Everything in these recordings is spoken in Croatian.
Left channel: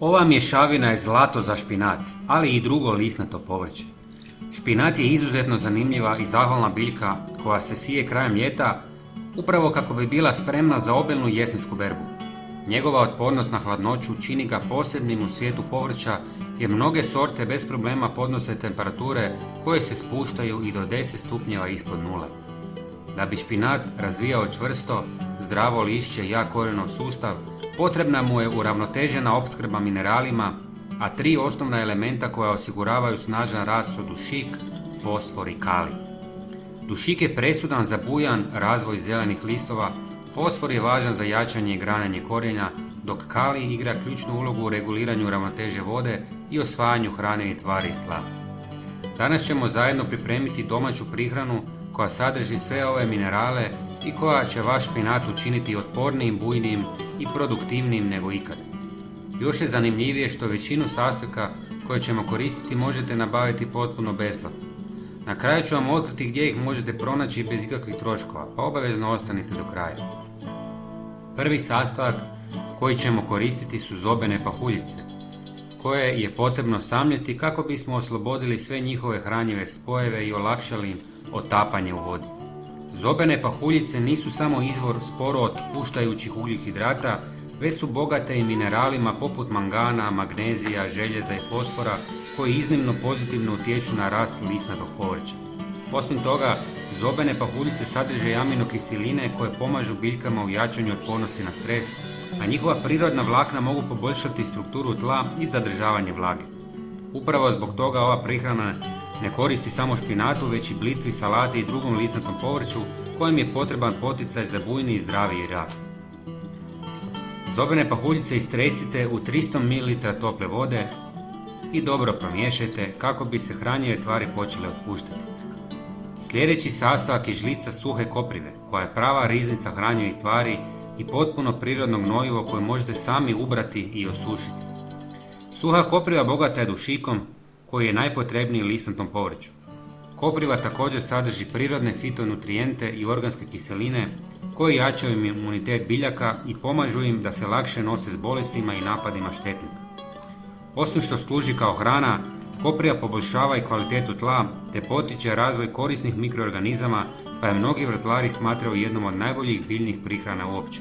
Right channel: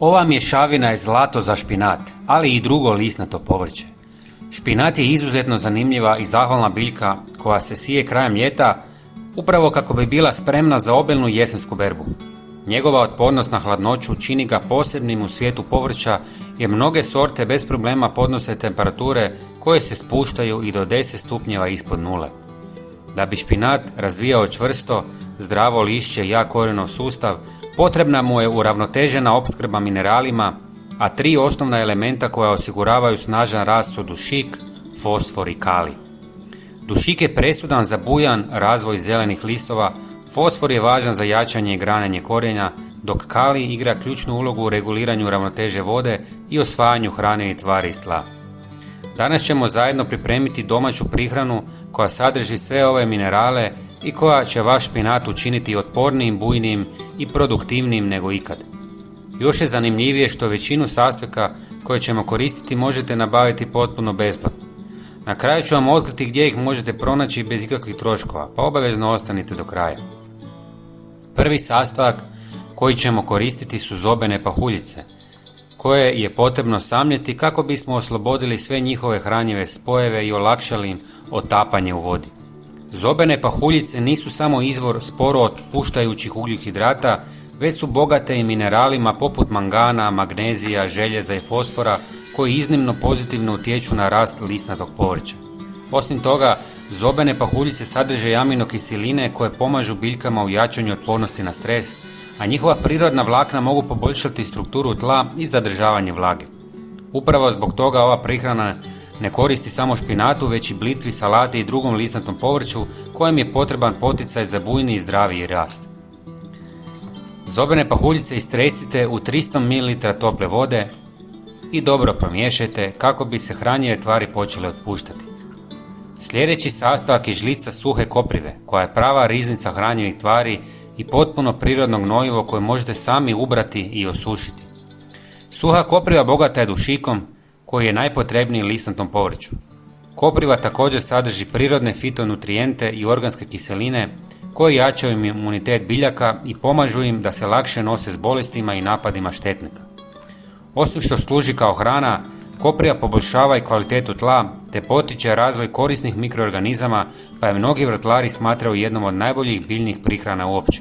Ova mješavina je zlato za špinat, ali i drugo lisnato povrće. Špinat je izuzetno zanimljiva i zahvalna biljka koja se sije krajem ljeta upravo kako bi bila spremna za obilnu jesensku berbu. Njegova otpornost na hladnoću čini ga posebnim u svijetu povrća jer mnoge sorte bez problema podnose temperature koje se spuštaju i do 10 stupnjeva ispod nule. Da bi špinat razvijao čvrsto, zdravo lišće i jak korenov sustav, potrebna mu je uravnotežena opskrba mineralima, a 3 osnovna elementa koja osiguravaju snažan rast su dušik, fosfor i kalij. Dušik je presudan za bujan razvoj zelenih listova, fosfor je važan za jačanje i grananje korijenja, dok kalij igra ključnu ulogu u reguliranju ravnoteže vode i osvajanju hrane i tvari iz tla. Danas ćemo zajedno pripremiti domaću prihranu koja sadrži sve ove minerale i koja će vaš špinat učiniti otpornijim, bujnijim i produktivnijim nego ikad. Još je zanimljivije što većinu sastojka koje ćemo koristiti možete nabaviti potpuno besplatno. Na kraju ću vam otkriti gdje ih možete pronaći bez ikakvih troškova, pa obavezno ostanite do kraja. Prvi sastojak koji ćemo koristiti su zobene pahuljice, koje je potrebno samljeti kako bismo oslobodili sve njihove hranjive spojeve i olakšali im otapanje u vodi. Zobene pahuljice nisu samo izvor sporo otpuštajućih ugljikohidrata, već su bogate i mineralima poput mangana, magnezija, željeza i fosfora koji iznimno pozitivno utječu na rast lisnatog povrća. Osim toga, zobene pahuljice sadrže i aminokiseline koje pomažu biljkama u jačanju otpornosti na stres, a njihova prirodna vlakna mogu poboljšati strukturu tla i zadržavanje vlage. Upravo zbog toga ova prihrana ne koristi samo špinatu, već i blitvi, salati i drugom lisnatom povrću kojem je potreban poticaj za bujni i zdraviji rast. Zobene pahuljice istresite u 300 ml tople vode i dobro promiješajte kako bi se hranjive tvari počele otpuštati. Sljedeći sastojak je žlica suhe koprive koja je prava riznica hranjivih tvari i potpuno prirodno gnojivo koje možete sami ubrati i osušiti. Suha kopriva bogata je dušikom koji je najpotrebniji lisnatom povrću. Kopriva također sadrži prirodne fitonutrijente i organske kiseline koje jačaju imunitet biljaka i pomažu im da se lakše nose s bolestima i napadima štetnika. Osim što služi kao hrana, kopriva poboljšava i kvalitetu tla te potiče razvoj korisnih mikroorganizama, pa je mnogi vrtlari smatraju jednom od najboljih biljnih prihrana uopće.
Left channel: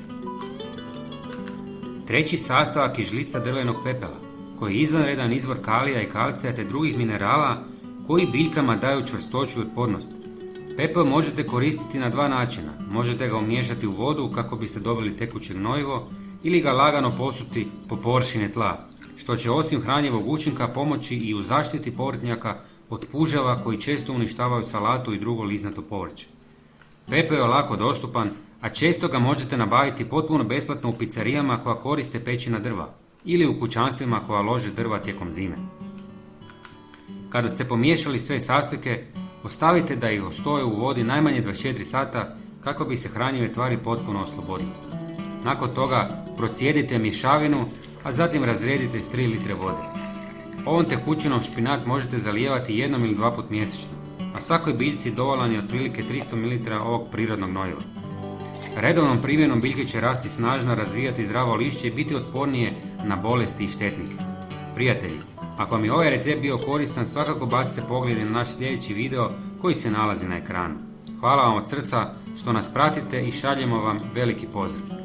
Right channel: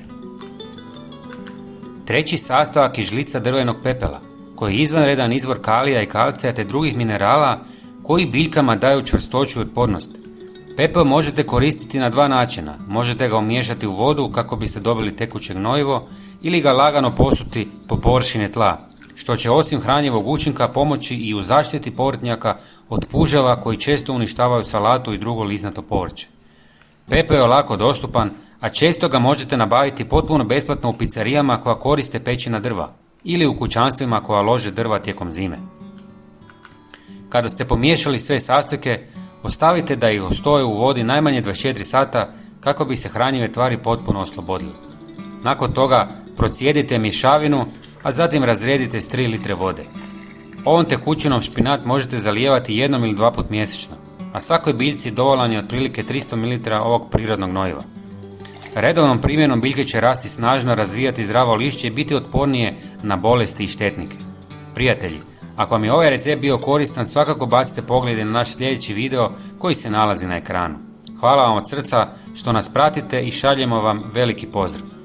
Treći sastojak je žlica drvenog pepela, koji je izvanredan izvor kalija i kalcija te drugih minerala koji biljkama daju čvrstoću i otpornost. Pepel možete koristiti na 2 načina. Možete ga umiješati u vodu kako biste dobili tekuće gnojivo ili ga lagano posuti po površini tla, što će osim hranjivog učinka pomoći i u zaštiti povrtnjaka od puževa koji često uništavaju salatu i drugo lisnato povrće. Pepeo je lako dostupan, a često ga možete nabaviti potpuno besplatno u pizzerijama koja koriste pećina drva ili u kućanstvima koja lože drva tijekom zime. Kada ste pomiješali sve sastojke, ostavite da ih stoje u vodi najmanje 24 sata kako bi se hranjive tvari potpuno oslobodile. Nakon toga procijedite mješavinu, a zatim razredite s 3 litre vode. Ovom tekućinom špinat možete zalijevati 1 ili 2 puta mjesečno, a svakoj biljci dovoljan je otprilike 300 ml ovog prirodnog gnojiva. Redovnom primjenom biljke će rasti snažno, razvijati zdravo lišće i biti otpornije na bolesti i štetnike. Prijatelji, ako vam je ovaj recept bio koristan, svakako bacite poglede na naš sljedeći video koji se nalazi na ekranu. Hvala vam od srca što nas pratite i šaljemo vam veliki pozdrav.